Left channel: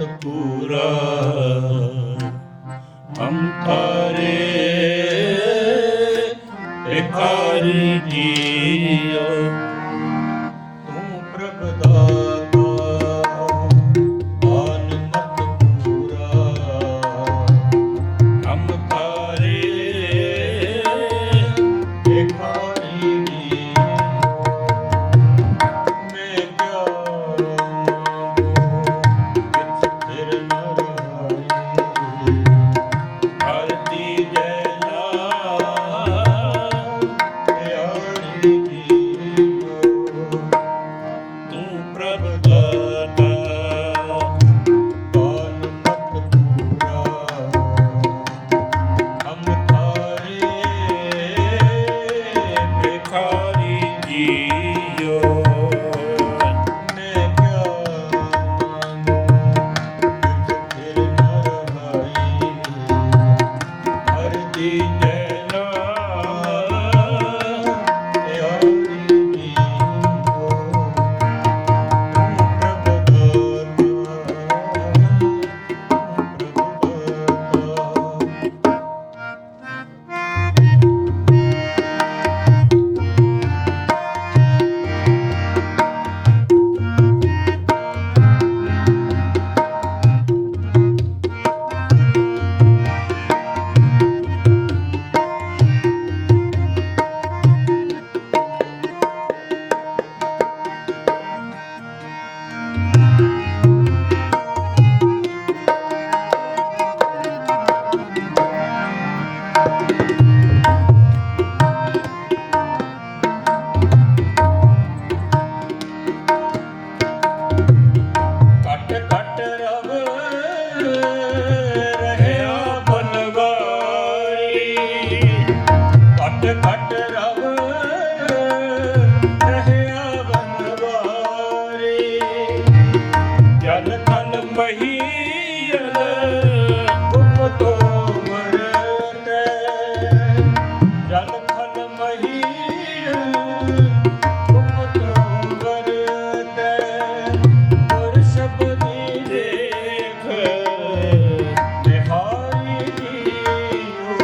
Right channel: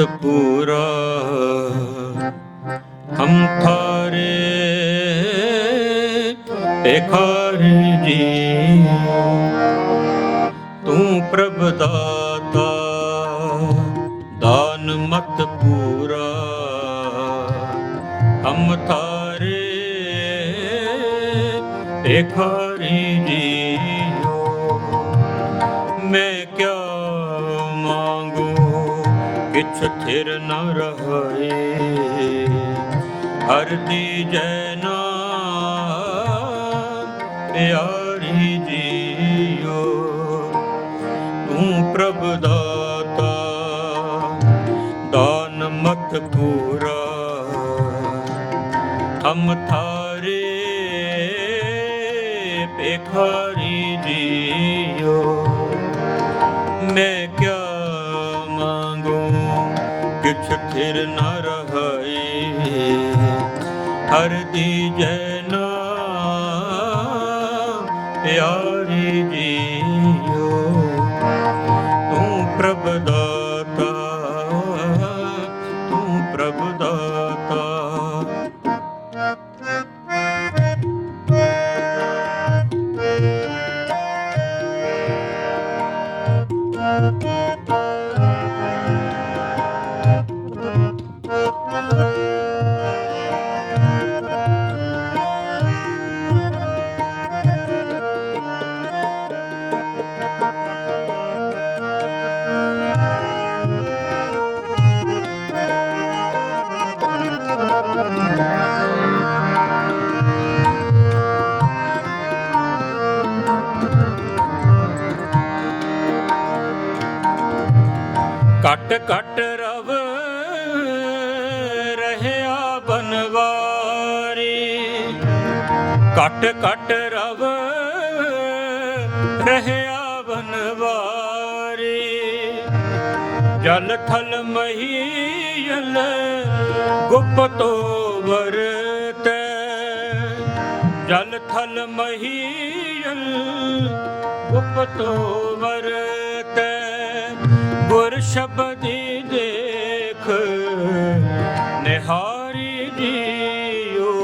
ਜਗਤ ਪੂਰਾ ਹਮ ਥਾਰੇ ਭਿਖਾਰੀ ਜੀ ਤੂੰ ਪ੍ਰਭ ਦਾ ਸਥਿਰ ਨ ਰਹੇ। ਹਰਤੀ ਜੈ ਪਿਆਰੀ ਜੀਓ। ਤੂੰ ਪ੍ਰਭ ਦਾਨ ਮਤ 하여 ਖਟ ਖਟ ਰਵ ਰਹਿਆ ਬਨਵਾਰੇ ਜਲ ਥਲ ਮਹੀਲ ਗੁਪਤੋ ਵਰਤ ਜਲ ਥਲ ਮਹੀਲ ਗੁਪਤੋ ਵਰਤ ਗੁਰ ਸ਼ਬਦੀ ਦੇਖ, ਨਿਹਾਰੀ ਜੀਓ।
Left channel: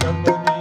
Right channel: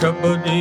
ਸ਼ਬਦ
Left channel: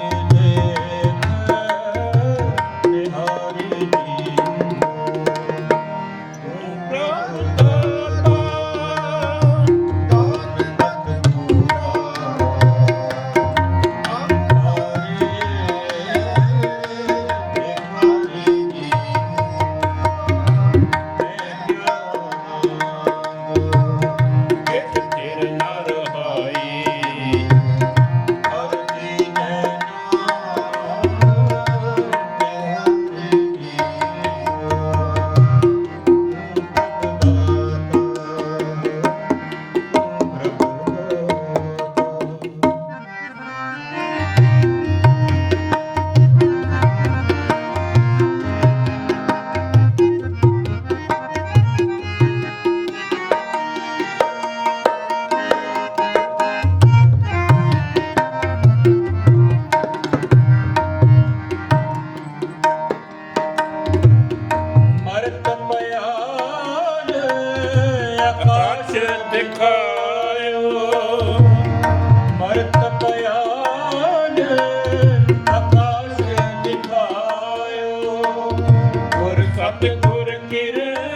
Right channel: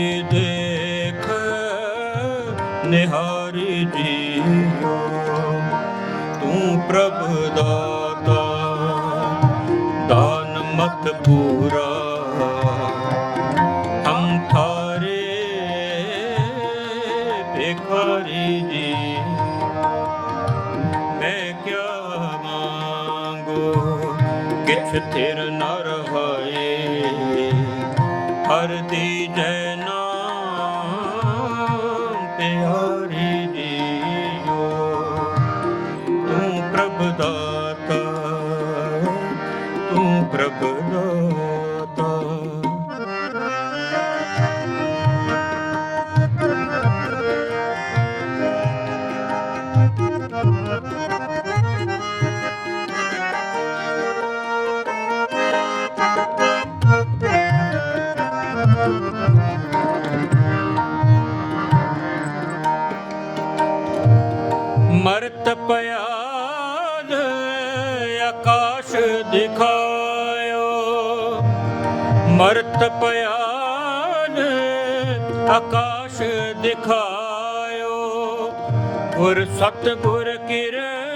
ਸਤਿਗੁਰ ਕਿਰਪਾ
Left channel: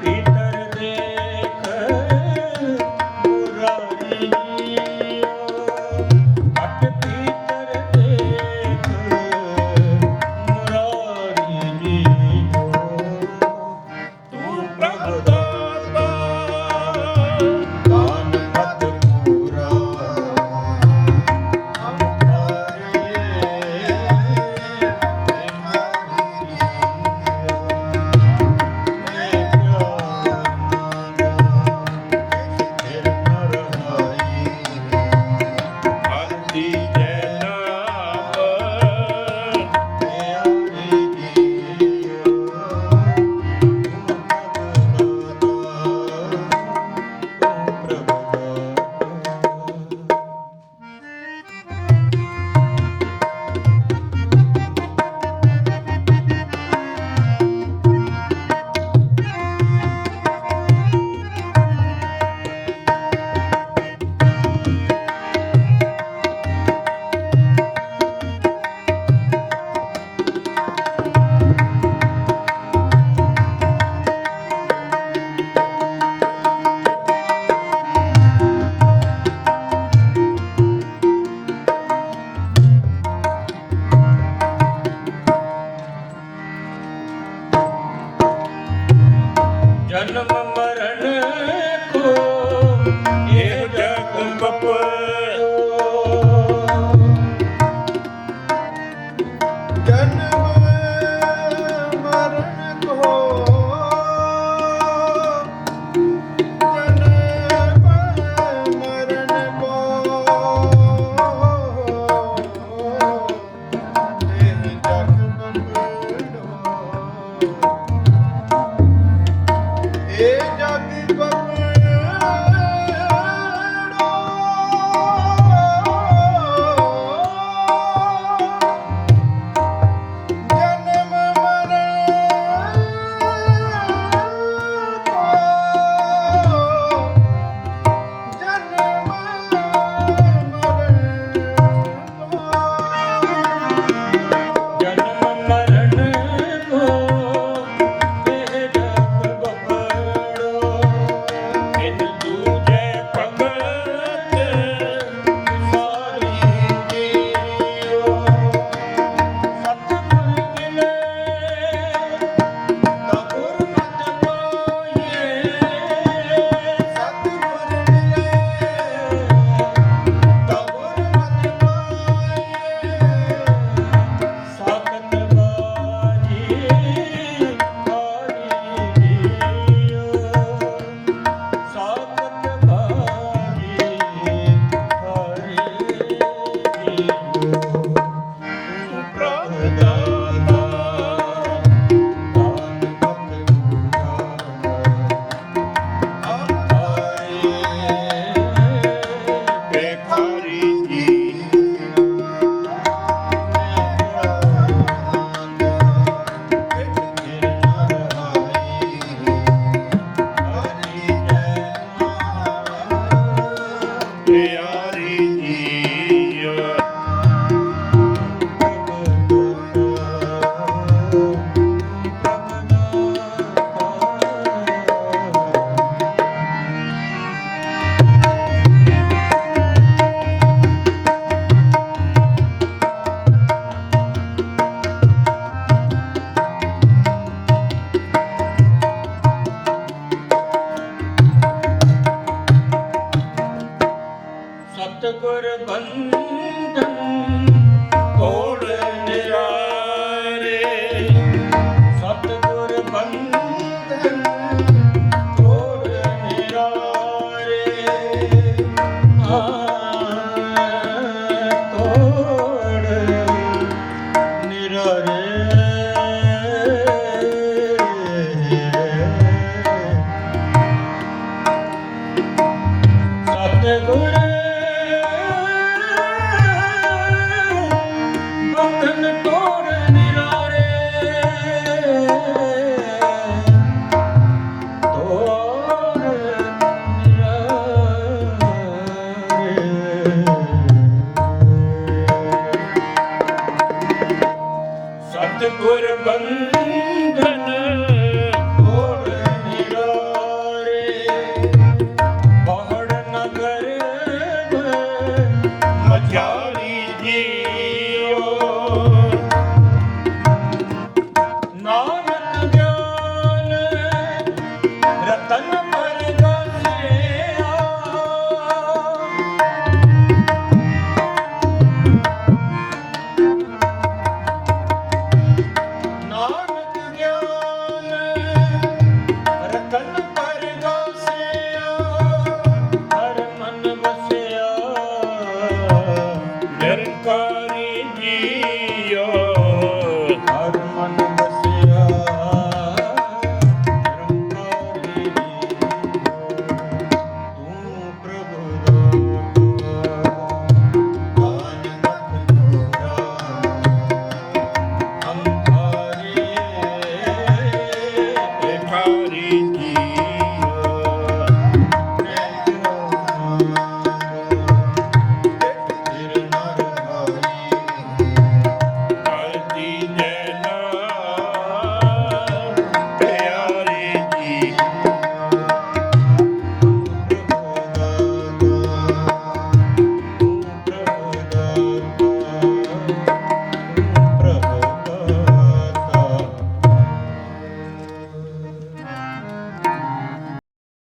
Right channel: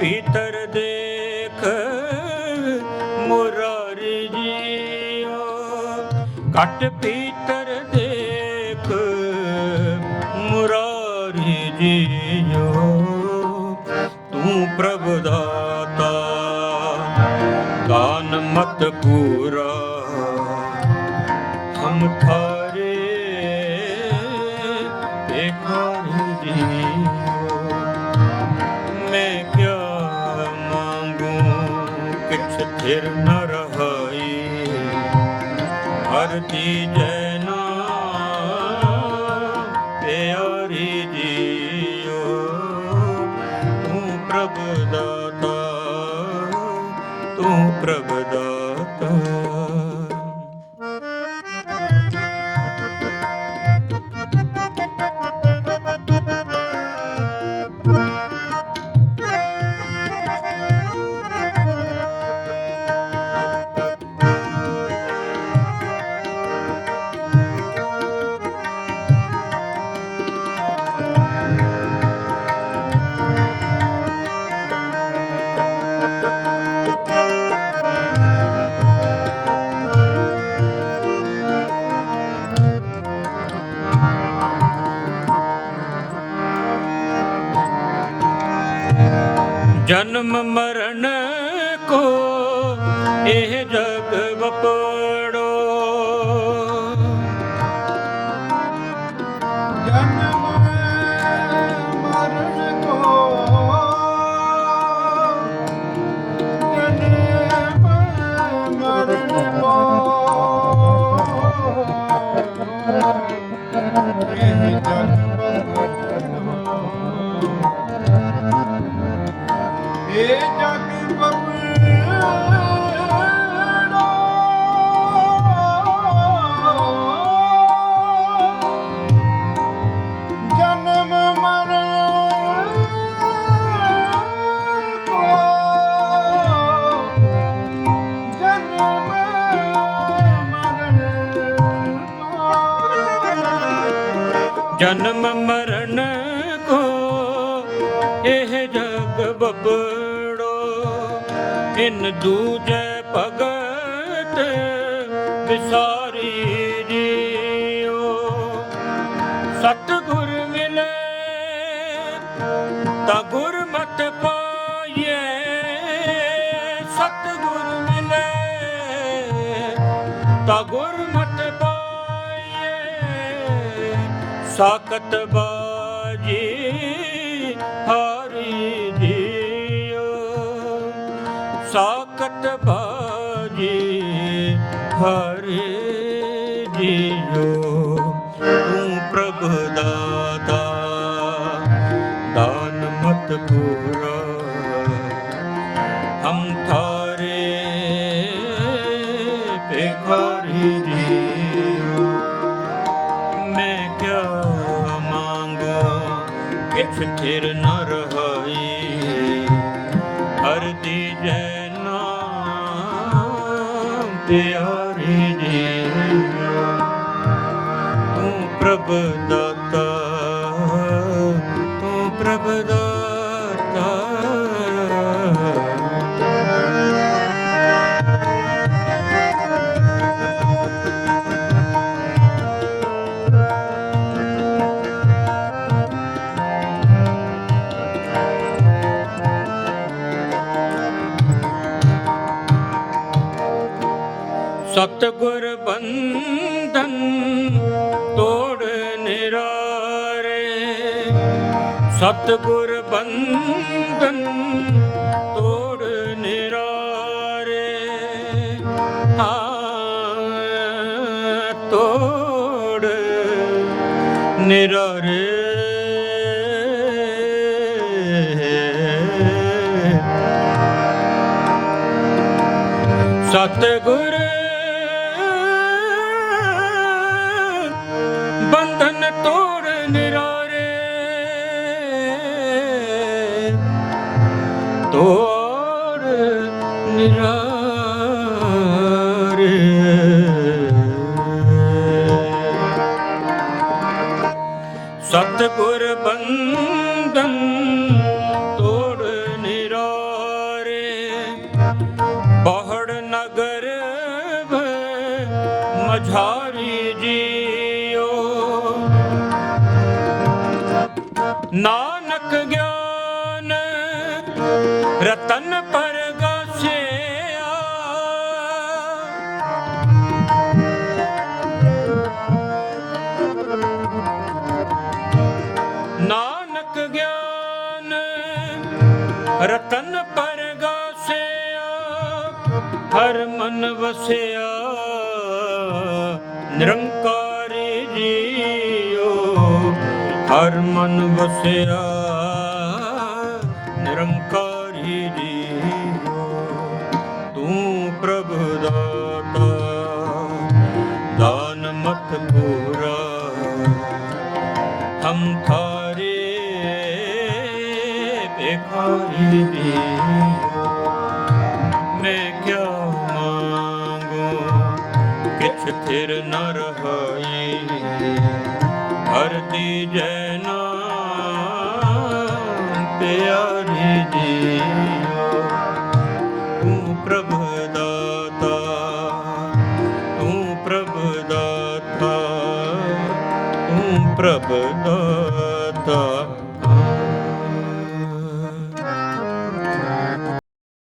ಪಿತರ ਰਹਾਈ। ਹਰ ਚੀਜ਼ Eita! ਸਭ ਸਤਗੁਰ ਬੰਧਨ ਤੋੜ ਨਿਰਾਏ। ਸਤਗੁਰ ਬੰਧਨ ਤੋੜ ਨਿਰਾਏ। ਤੋੜ ਨਿਰਾਏ। ਸਤਗੁਰ ਸਤਿਗੁਰ ਬੰਧਨ ਤੋੜ ਨਿਰੋਰੇ। ਬਹੜ ਨਗਰ ਮਝਾਰੀ ਜੀਓ। ਨਾਮ I don't know.